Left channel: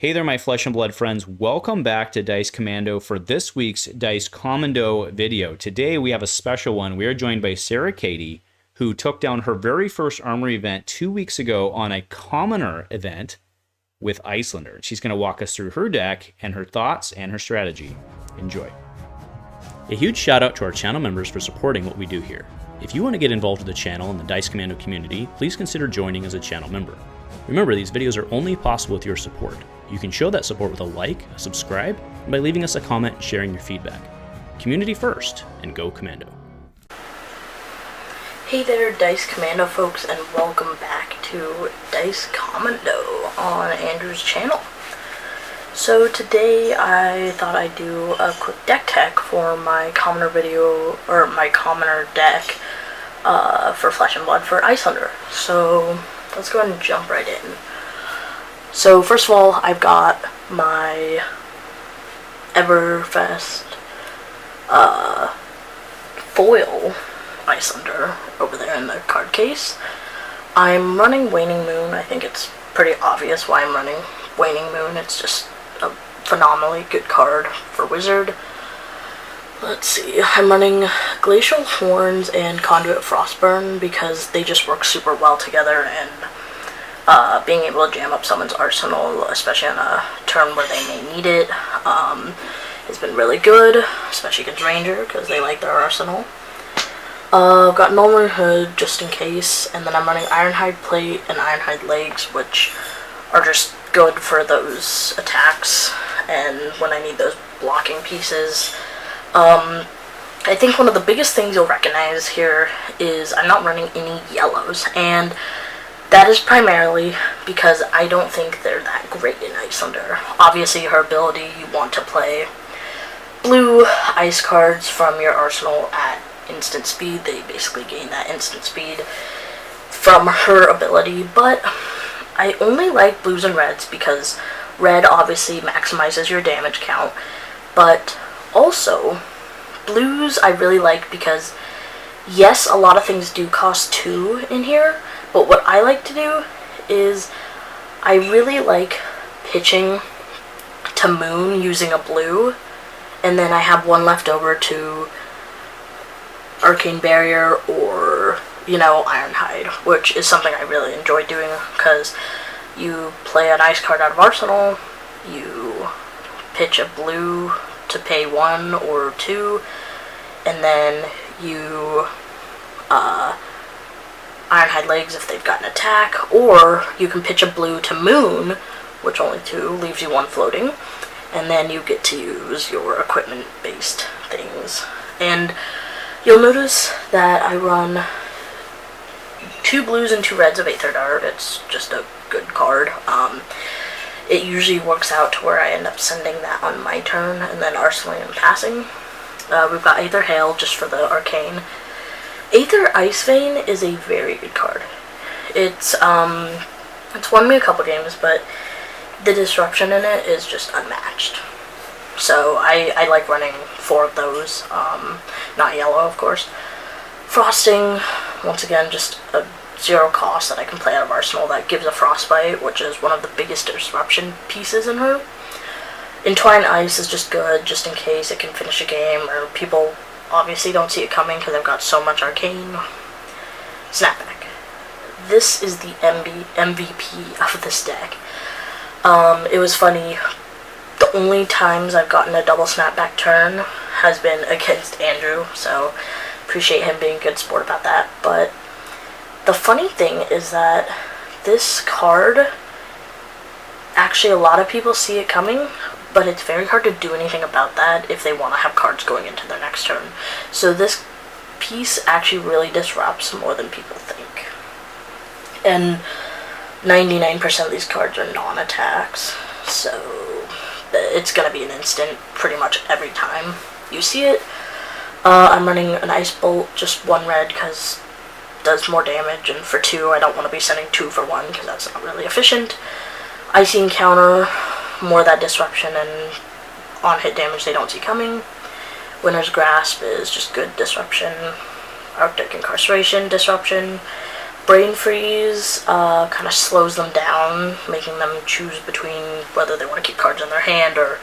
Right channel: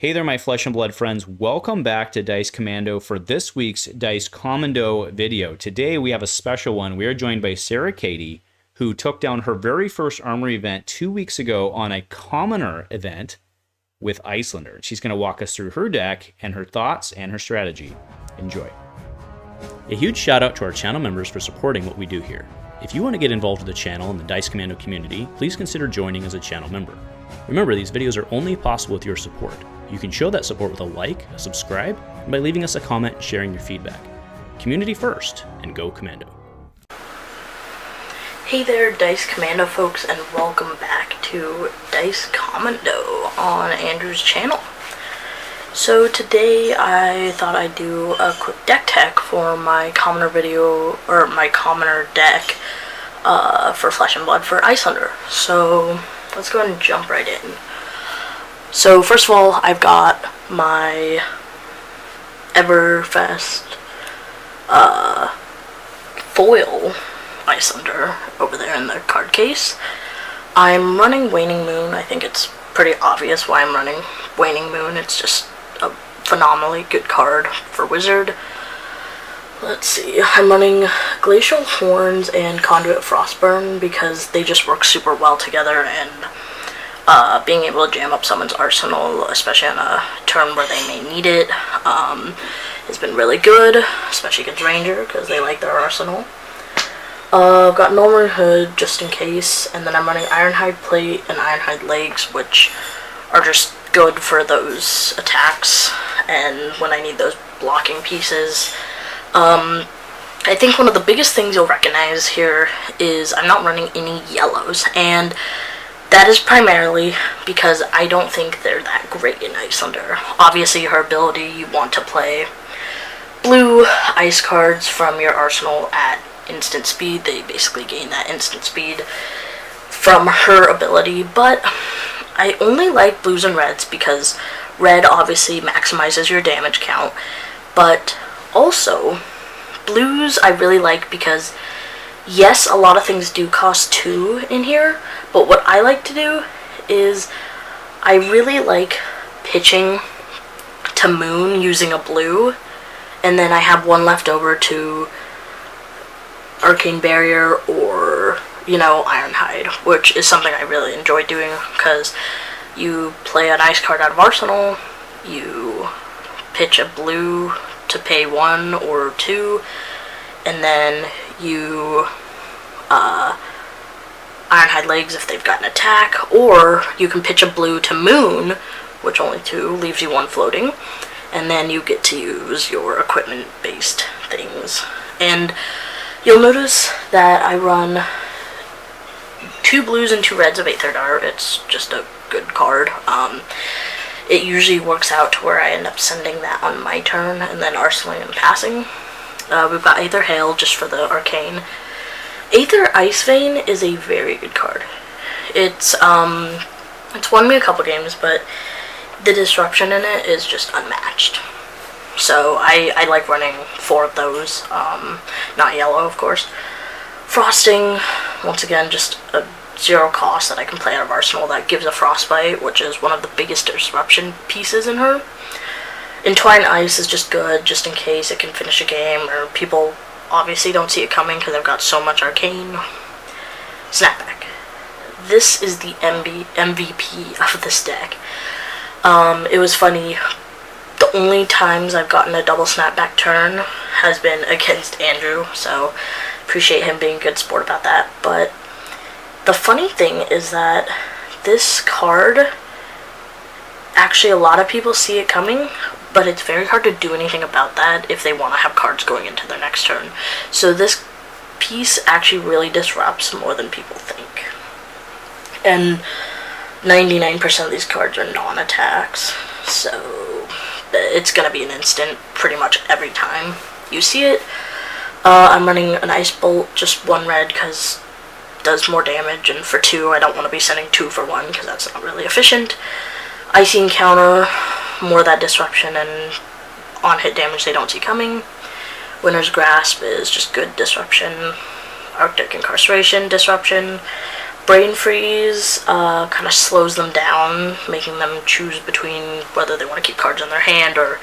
Hey there, my flesh and blood friends. Welcome back to Dice Commando for this week's Dice Commando video. Today we have a special one. We are joined by Sara Cady, who took down her very first Armory event 2 weeks ago on a commoner event with Iyslander. She's going to walk us through her deck and her thoughts and her strategy. Enjoy. A huge shout out to our channel members for supporting what we do here. If you want to get involved with the channel and the Dice Commando community, please consider joining as a channel member. Remember, these videos are only possible with your support. You can show that support with a like, a subscribe, and by leaving us a comment and sharing your feedback. Community first, and go Commando. Hey there, Dice Commando folks, and welcome back to Dice Commando on Andrew's channel. So today I thought I'd do a quick deck tech for my commoner video, or my commoner deck for Flesh and Blood for Iyslander. So let's go ahead and jump right in. So first of all, I've got my Ep5xx foil Iyslander over there in the card case. I'm running Waning Moon. I think it's pretty obvious why I'm running Waning Moon. It's just a phenomenally good card for Wizard. Let's see, I'm running Glacial Horns and Conduit Frostburn because they just work super well together, and being able to jam up someone's arsenal, especially on a turn where they may need it, has been really good, especially against Ranger, because they like their arsenal. I've got Norman Hood, just in case, and then I'm running Ironhide Plate and Ironhide Legs, which are just good for those attacks, and when I need those blocking pieces. I think one of the biggest things you'll recognize here is I'm not running any yellows, and that is primarily because I don't think they're that great in Iyslander. Obviously, her ability, you want to play blue ice cards from your arsenal at instant speed. They basically gain that instant speed from her ability, but I only like blues and reds because red obviously maximizes your damage count, but also blues I really like because, yes, a lot of things do cost 2 in here, but what I like to do is I really like pitching to Moon using a blue, and then I have one left over to Arcane Barrier or, Ironhide, which is something I really enjoy doing because you play an ice card out of Arsenal, you pitch a blue to pay 1 or 2, and then you Ironhide Legs if they've got an attack, or you can pitch a blue to Moon, which only 2 leaves you 1 floating, and then you get to use your equipment-based things. And you'll notice that I run 2 blues and 2 reds of 8th Art. It's just a good card. It usually works out to where I end up sending that on my turn, and then arsenaling and passing. We've got Aether Hail just for the Arcane. Aether Ice Vein is a very good card. It's won me a couple games, but the disruption in it is just unmatched. So I like running 4 of those, not yellow, of course. Frosting, once again, just a 0 cost that I can play out of Arsenal that gives a Frostbite, which is one of the biggest disruption pieces in her. Entwine Ice is just good, just in case it can finish a game, or people obviously don't see it coming because I've got so much Arcane. Snapback. This is the MVP of this deck. It was funny, the only times I've gotten a double snapback turn has been against Andrew, so appreciate him being a good sport about that. But the funny thing is that this card, actually a lot of people see it coming, but it's very hard to do anything about that if they want to have cards going into their next turn. So this piece actually really disrupts more than people think. And 99% of these cards are non-attacks, so it's going to be an instant pretty much every time you see it. I'm running an Ice Bolt, just 1 red because it does more damage, and for 2 I don't want to be sending 2 for 1 because that's not really efficient. Icy Encounter, more of that disruption and on-hit damage they don't see coming. Winter's Grasp is just good disruption. Arctic Incarceration, disruption. Brain Freeze kind of slows them down, making them choose between whether they want to keep cards in their hand or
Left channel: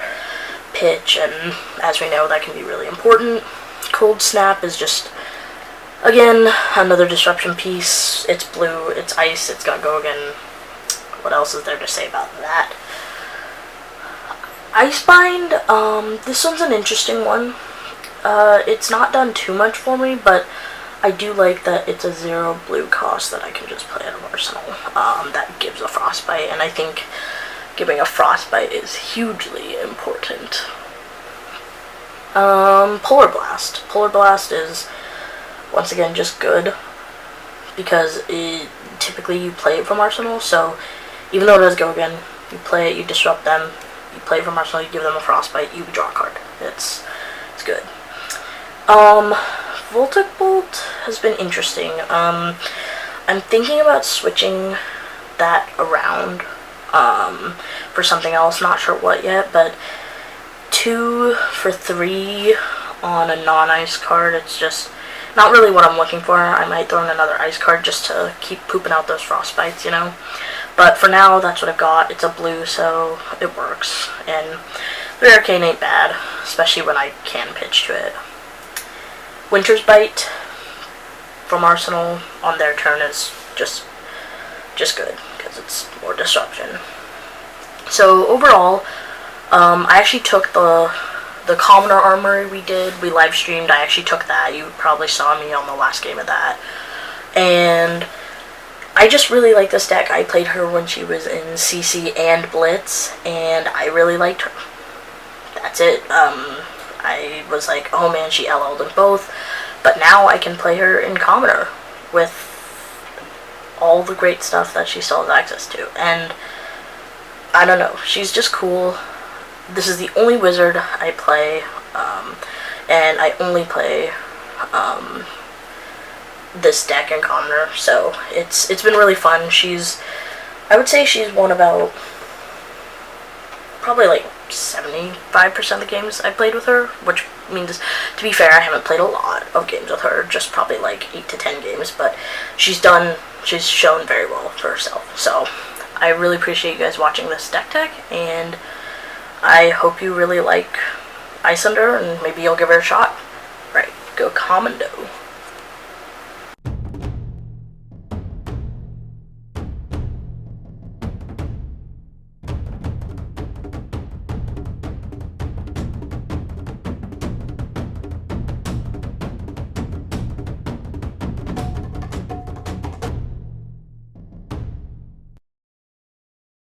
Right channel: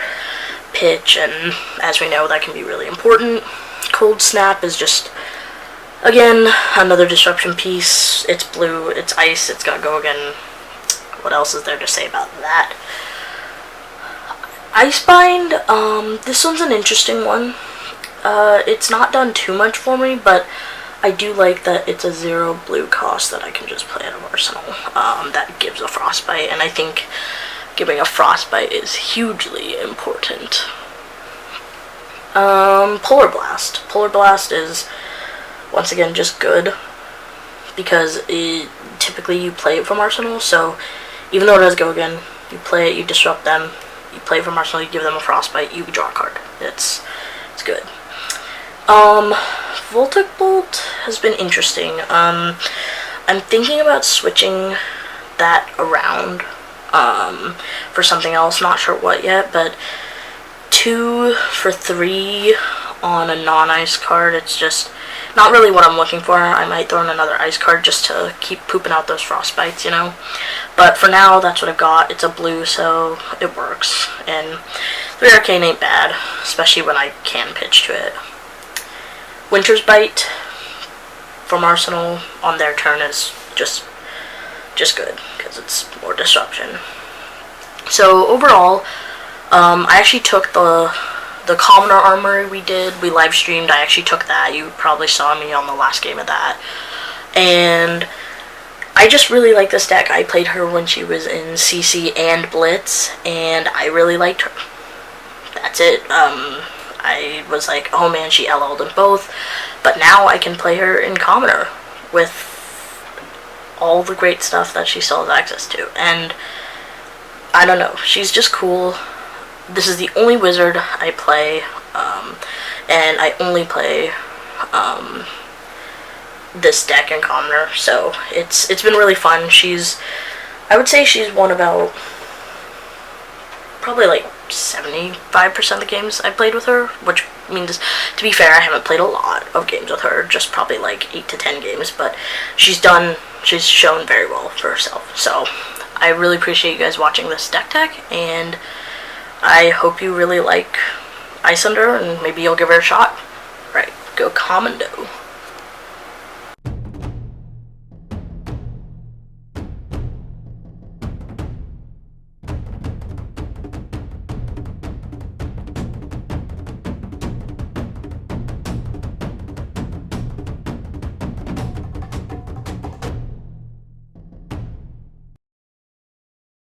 pitch, and as we know, that can be really important. Cold Snap is just, again, another disruption piece. It's blue, it's ice, it's gonna go again. What else is there to say about that? Icebind, this one's an interesting one. It's not done too much for me, but I do like that it's a 0 blue cost that I can just play out of Arsenal. That gives a Frostbite, and I think giving a Frostbite is hugely important. Polar Blast. Polar Blast is, once again, just good, because typically you play it from Arsenal, so even though it does go again, you play it, you disrupt them, you play it from Arsenal, you give them a Frostbite, you draw a card. It's good. Voltic Bolt has been interesting. I'm thinking about switching that around for something else, not sure what yet, but 2 for 3 on a non-ice card, it's just not really what I'm looking for. I might throw in another ice card just to keep pooping out those Frostbites, you know? But for now, that's what I've got. It's a blue, so it works. And 3 Arcane ain't bad, especially when I can pitch to it. Winter's Bite from Arsenal on their turn is just good, because it's more disruption. So overall, I actually took the Commoner Armory we live streamed. I actually took that. You probably saw me on the last game of that. And I just really like this deck. I played her when she was in CC and Blitz, and I really liked her. That's it. I was like, oh man, she LL'd in both. But now I can play her in Commoner with all the great stuff that she still has access to. And I don't know, she's just cool. This is the only wizard I play, and I only play this deck in Commoner, so it's been really fun. I would say she's won about probably like 75% of the games I played with her, which means, to be fair, I haven't played a lot of games with her, just probably like 8 to 10 games, but she's shown very well for herself. So I really appreciate you guys watching this deck tech, and I hope you really like Iyslander, and maybe you'll give her a shot. Right, go Commando.